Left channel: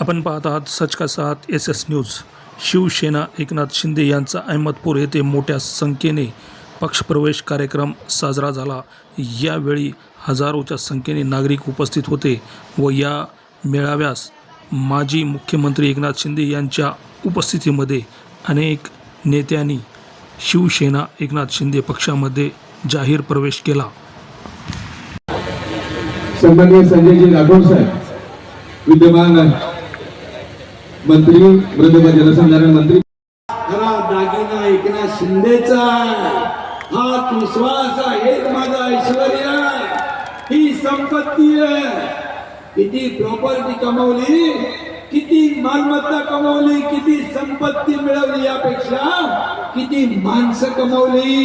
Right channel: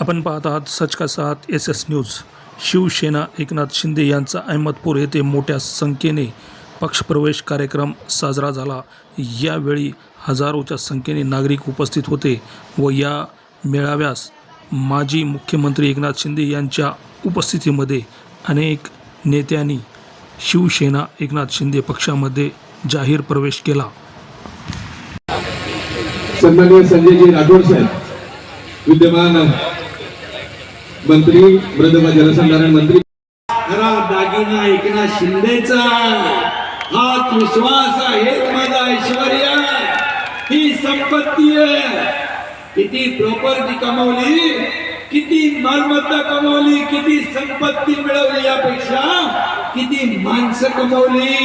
आपण पाहत आहात सच का साथ SS न्यूज। शिवसेना एकनाथ शिंदे यांचा अहमदपूर येथे मोठ्या संख्येने पक्षप्रवेश कार्यक्रम साजरा झाला। यावेळी हजारोच्या संख्येने नागरिक उपस्थित होते व या मेळाव्यास माजी मुख्यमंत्री एकनाथ शिंदे यांच्या उपस्थितीमध्ये अनेक नेत्यांनी शिवसेना एकनाथ शिंदे पक्षामध्ये जाहीर प्रवेश केला। सन्माननीय संजयजी राठोड साहेब, विद्यमान मंत्री, मृदुला जलसंधारण मंत्री, खरा दागिना एकनाथ शिंदेचा हाच विश्वास आहे, माझा ऐश्वर्य, ही संपत्ती आहे। किती प्रॉपर्टी कमवली, किती मालमत्ता कमवली, किती संपत्ती मिळवली, यापेक्षा किती माणसं कमवली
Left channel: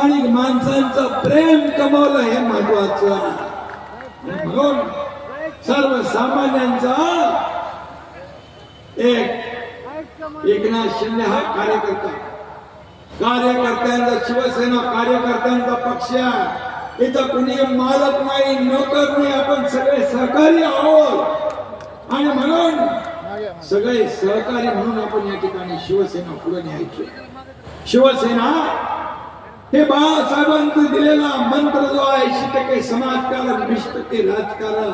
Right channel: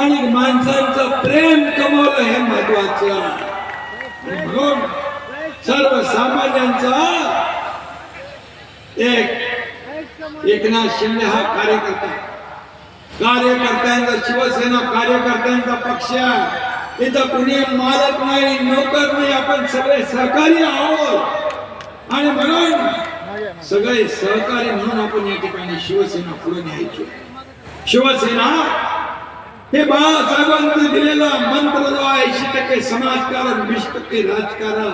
आणि माणसांचं प्रेम कमवलं हे महत्वाचं। म्हणून सर्वसामान्यांचा एकनाथ शिंदे हा कार्यकर्त्यांचा शिवसेना कार्यकर्त्यांचा पक्ष आहे। इथं कुणी मालक नाही, नोकर नाही, आपण सगळे सहकारी आहोत आणि म्हणून सगळे सहकारी म्हणून आपण या ठिकाणी शिवसेना पुढे न्यायची। शिवसेना हे बाळासाहेबांनी दिलेला मंत्र जो आहे, 80% समाजकारण, 20% राजकारण,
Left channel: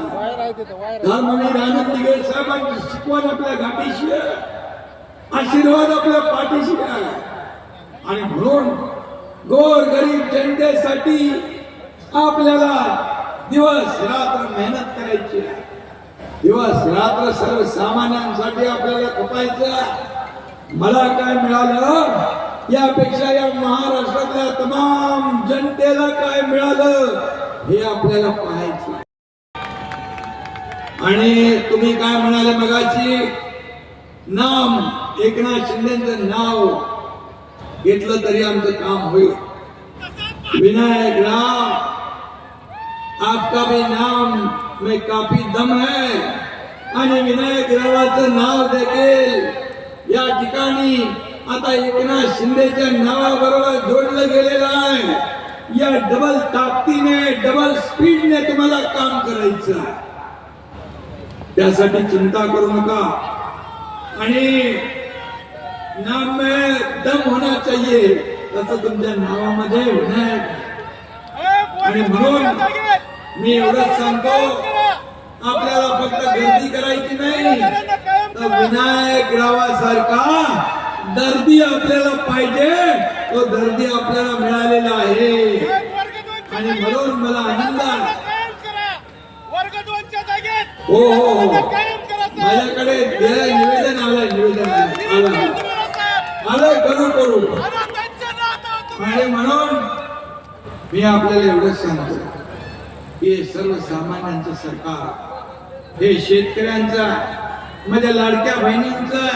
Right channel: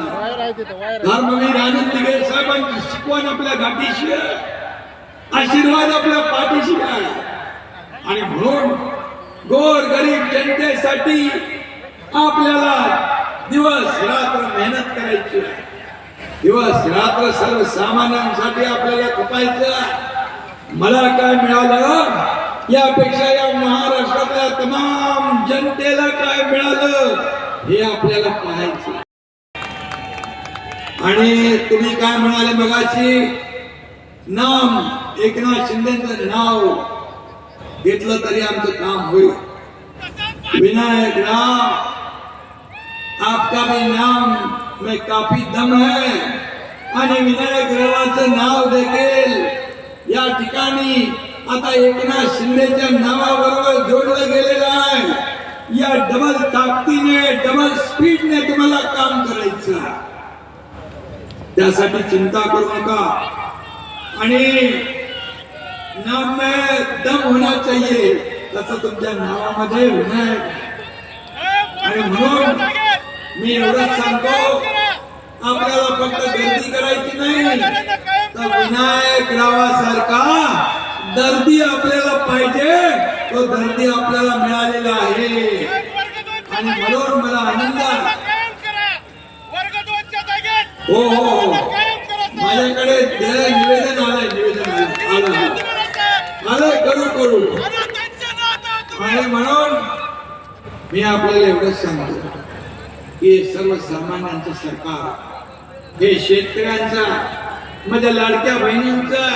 धर्मवीर आनंद दिघे साहेबांची शिकवण आपल्या गाठीशी आहे, आशीर्वाद आपल्या पाठीशी आहे आणि म्हणून गोरगरीब जनतेसाठी आपल्याला दिवस रात्र मेहनत करायची आहे, दिवस रात्र सर्वसामान्यांसाठी आपल्याला खपायचं। मला काय मिळालं यापेक्षा या महाराष्ट्रातल्या तमाम जनतेला काय मिळालं हे आपल्याला पाहायचं। आणि तुम्ही काय म्हणाले मगाशी, नाम एकनाथ शिंदेचं नाव घेतलं तरी आमचं काम होईल। विनायक राव, आपका भी नाम में काफी दम है आणि विनायक रावाचं नाव देखील या ठिकाणी आता एकनाथ शिंदेच्या नावाबरोबर जोडलं गेलेलं आहे। या डबल ताकदीने, डबल स्पीडने तुम्हाला काम करायचं, त्यासाठी चिंता करू नका आणि नाम में दम होना चाहिए, तसं तुमच्या नावामध्ये विनायक। आणि म्हणून मी एवढंच सांगतो, आपल्याला फक्त गर्दी करायची नाही, तर विनायक रावासारखा दर्दी आपल्याला पाहिजे, तो दर्दी आपल्याला मिळालेला आहे आणि म्हणून मला आनंद आहे। हो हो, माझ्याकडे निवेदन आलंय करू आणि म्हणून मी आपल्याला एवढंच सांगतो की सर्वसामान्यांचं सरकार हे शेतकऱ्यांचा, माझ्या लाडक्या बहिणींचा,